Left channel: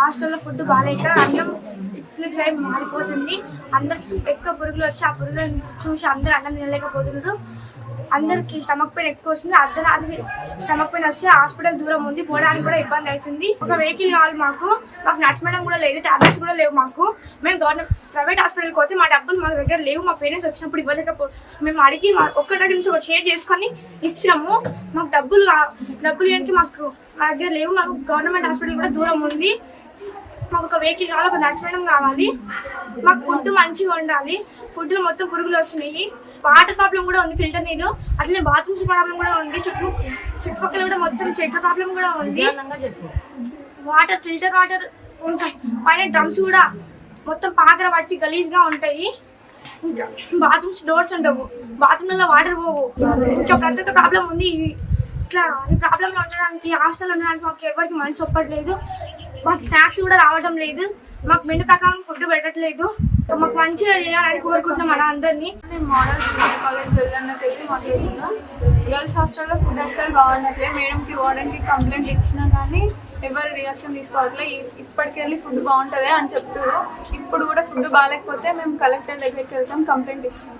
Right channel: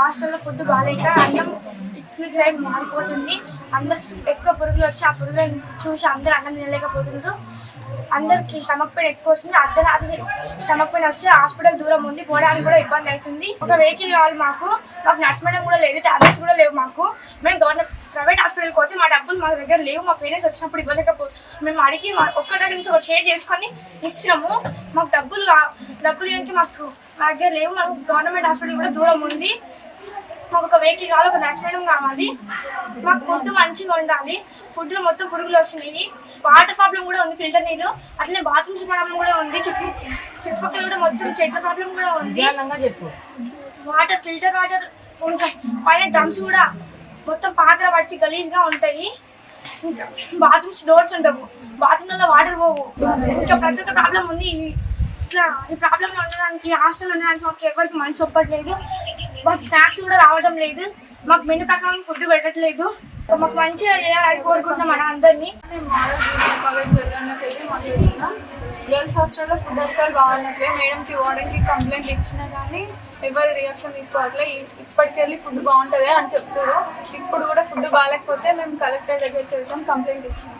హాస్టల్లో ఫుడ్ బాగాలేక అన్నం ఇడ్లీ సైడ్ మారిపోతుంది. అందరు ఎక్కువ పురుగులు వచ్చి ఆ పురుగులను చూసి అందరూ అన్నం తినలేకపోతున్నారు. అందరికి స్టమక్ పెయిన్ ఎక్కువ వస్తుంది. అర్ధరాత్రి స్టమక్ పెయిన్ వస్తే హాస్పిటల్ దూరం ఉంది, పోవడానికి కూడా ఇబ్బంది అవుతుంది. ఒక వెహికల్ కావాలి మాకు నర్స్ మేడం కూడా లేదు, టాబ్లెట్స్ కూడా లేవు మాకు. మేము గవర్నమెంట్ ప్రైవేట్ హాస్పిటల్కి పోతే మా డబ్బులు మా దగ్గర లేవు. మా పేరెంట్స్ వచ్చినప్పుడు ఇవ్వలేకపోతే మేము అడిగి ఒక్క దగ్గర నుంచి ఒకటి షేర్ చేసుకొని ఇస్తున్నాము. మాకు డబ్బులు ఏంటి మాకు మా దగ్గర లేవు. మాకు గవర్నమెంట్ హాస్పిటల్ కూడా దూరం ఉంది. మాకు ఒక వెహికల్ కావాలి, ఒక నర్స్ మేడం కావాలి. మాకు ఫుడ్ మంచిగా ఉండాలి. ఫుడ్లో మొత్తం పురుగులు వస్తున్నాయి. వాటర్ ప్రాబ్లం కూడా ఉంది, ఫిల్టర్ నీళ్ళు. అట్లనే బాత్రూమ్స్ ప్రాబ్లం కూడా ఉంది. చుట్టుపక్కల కూడా మొత్తం చెట్ల ప్రాబ్లం కూడా ఉంది. వాటర్ ఫిల్టర్ వాటర్ ఉంటాం. పైన డ్రమ్స్ కూడా మొత్తం పాకర పట్టి గలీజ్గా ఉంటాయి. ఇంకా బాత్రూమ్స్ డోర్స్ ఉండవు, బాత్రూమ్లలో వాటర్ పోవు. ఇంకా ప్రతి ఒక్క ప్రాబ్లం ఉంది. ఇట్లా ఈ ప్రాబ్లం ఉండడానికి హాస్టల్ ఉండడానికి మాకు ఎవరికి మనసు ఒప్పట్లేదు. మాకు స్నాక్స్ కూడా రావడం లేదు. మాకు మెను ప్రకారం ఫుడ్ పెట్టట్లేదు. మాకు మంచిగా చేయాలని కోరుకుంటున్నాం మన అందరినీ. మోడల్ జూనియర్ కాలేజ్ వెళ్ళడానికి వెళ్ళి మాట్లాడుతున్నాం. గర్ల్స్ హాస్టల్లో ఫుడ్ అస్సలు బాగున్నట్లే. మేడంకి వార్డెన్కి కంప్లైంట్ ఇచ్చినా కానీ ఎవరు రియాక్షన్ తీసుకోవట్లే. ఇప్పటికెళ్ళి ఫుడ్ బాగుంటుంది అని చెప్తారు. ఇప్పుడు కూడా ఫుడ్ బాగాలేకపోతే మేము కలెక్టర్ దగ్గరికి వెళ్తాం, కంప్లైంట్ ఇస్తాం.